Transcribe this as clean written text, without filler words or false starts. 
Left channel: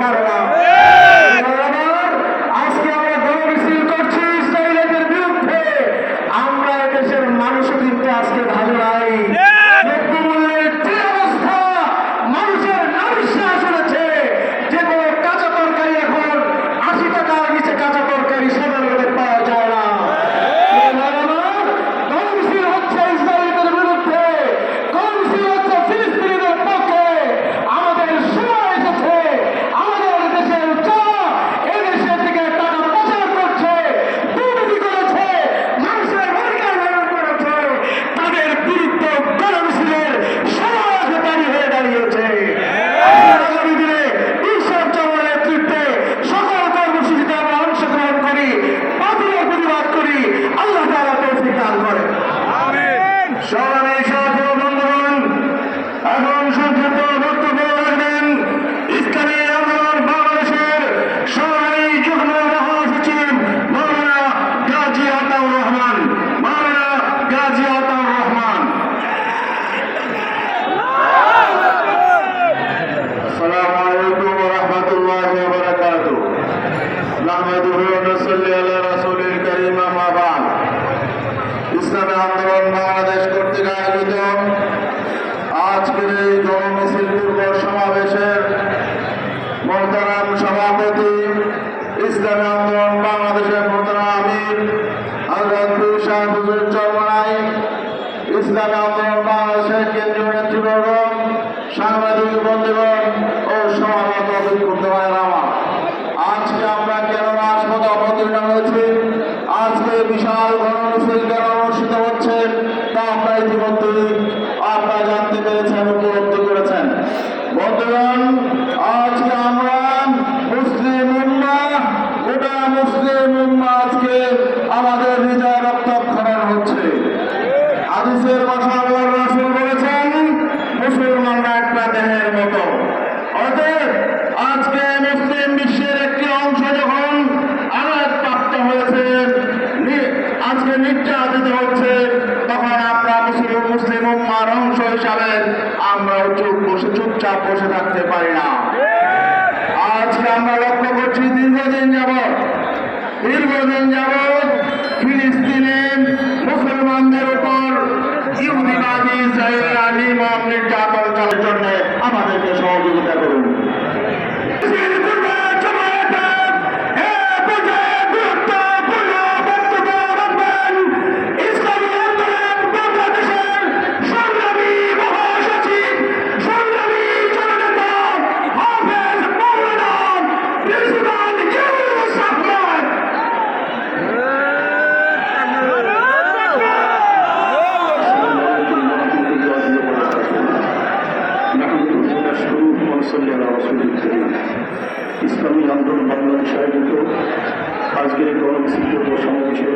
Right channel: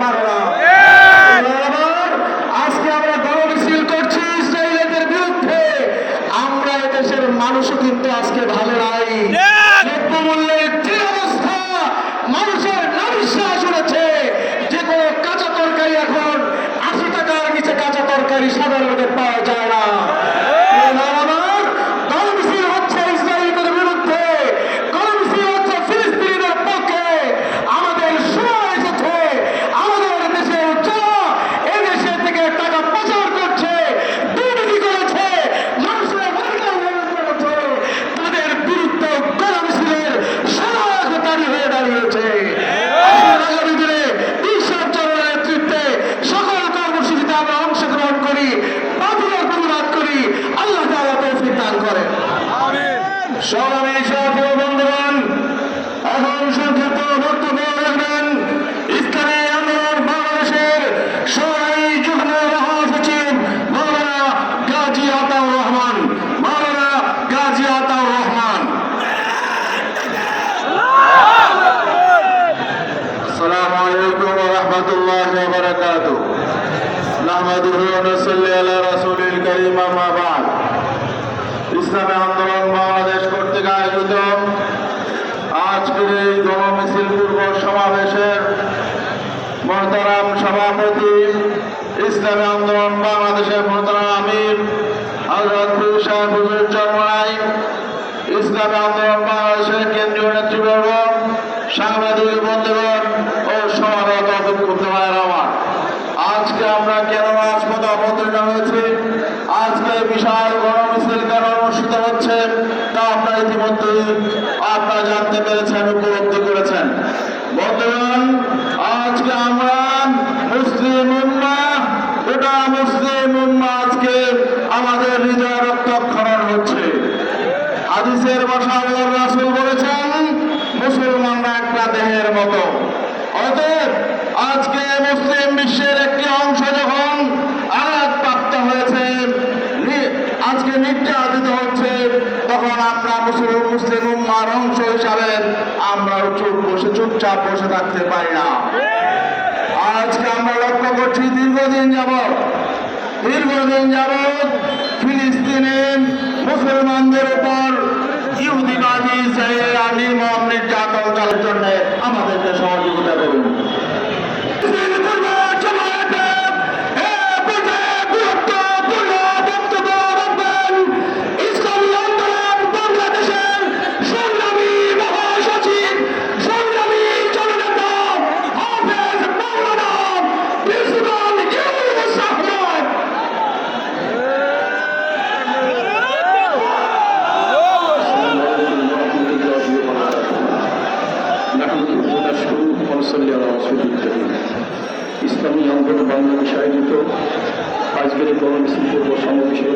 পারে না। আজকে আমরা গণমিছিল করছি ইসরায়েলের বিরুদ্ধে। আমরা এদেশের মানুষও কিন্তু আজকে ভালো নাই। দ্রব্যমূল্যের যে অবস্থা, মানুষের নাভিশ্বাস উঠেছে। যে কোনো কাঁচা তরকারি এখন 80 টাকার নিচে কাঁচা তরকারি সাধারণত পাওয়া যায় না। গণমিছিল হচ্ছে ইসরায়েলের বিরুদ্ধে, গণমিছিল হচ্ছে ফিলিস্তিনিদের পক্ষে। আমাদের সময় এসেছে, আমাদের দেশের যারা এদেশের দিকে টাকা পাচার করছে, দুর্নীতি করেছে, মানুষের অধিকার হরণ করেছে, তাদের বিরুদ্ধে গণমিছিলের সময় হয়ে দাঁড়িয়েছে। আগামী দিনে ঈশ্বরচন্দ্রের নেতৃত্বে সকল কর্মসূচিতে আমরা অংশগ্রহণ করি, বাতিলের প্রতিবাদ করি। আল্লাহ তাআলা তৌফিক দান করেন। সংগ্রামী সাথী ও বন্ধুগণ, এখন সংক্ষিপ্ত বক্তব্য রাখবেন ইসলামী আন্দোলন বাংলাদেশের সরাই যুগ্ম মহাসচিব মাওলানা গাজী আতাউর রহমান। মাওলানা গাজী আতাউর রহমান। আসসালামু আলাইকুম ওয়া রাহমাতুল্লাহি ওয়া বারাকাতুহু। নাহমাদুহু ওয়া নুসাল্লি আলা রাসূলিল কারীম, আম্মা বা'দ। ইসলামী আন্দোলন বাংলাদেশ কর্তৃক আয়োজিত আজকের এই গণমিছিল পূর্ব সমাবেশের মহতারাম সভাপতি, ইসলামী আন্দোলন বাংলাদেশের মহতারাম আমির হযরত পীর সাহেব হুজুর চরমনাই, ইসলামী আন্দোলন বাংলাদেশের কেন্দ্রীয় নেতৃবৃন্দ, সাংবাদিক বন্ধুগণ ও সমাগত বিক্ষুব্ধ ভাইয়েরা আমার, আজকে আমরা কেন রাজপথে অবতীর্ণ হয়েছি, আজকে বিশাল গণমিছিল কেন অনুষ্ঠিত হচ্ছে তা আপনারা ইতিমধ্যে আপনারা জানতে পেরেছেন, উপলব্ধি করেছেন। বন্ধুগণ, আজকে আমরা মুসলিম উম্মাহ, গোটা মুসলিম উম্মাহ আজকে আমাদের হৃদয় রক্তক্ষরণ হচ্ছে। হাদিসের ভাষায় রাসূল বলেছেন, মুসলমানরা একটা দেহের মতো। অতএব আজকে মুসলিম বিশ্বের একটি অংশ যখন আঘাতপ্রাপ্ত হয়েছে, আজকে নির্যাতিত হচ্ছে, তখন আমরা মুসলিম উম্মাহর অংশ হিসাবে আমরা চুপচাপ বসে থাকতে পারি না। আজকে আমরা লক্ষ্য করছি দীর্ঘদিন যাবৎ ফিলিস্তিনে মুসলমানদের উপর ইহুদিবাদী ইসরায়েলিরা নির্মম নির্যাতন চালানোর জন্য আমাদেরকে সহযোগিতা করুন। ইসলামী আন্দোলন বাংলাদেশ আয়োজিত আজকের গণমিছিল সমাবেশের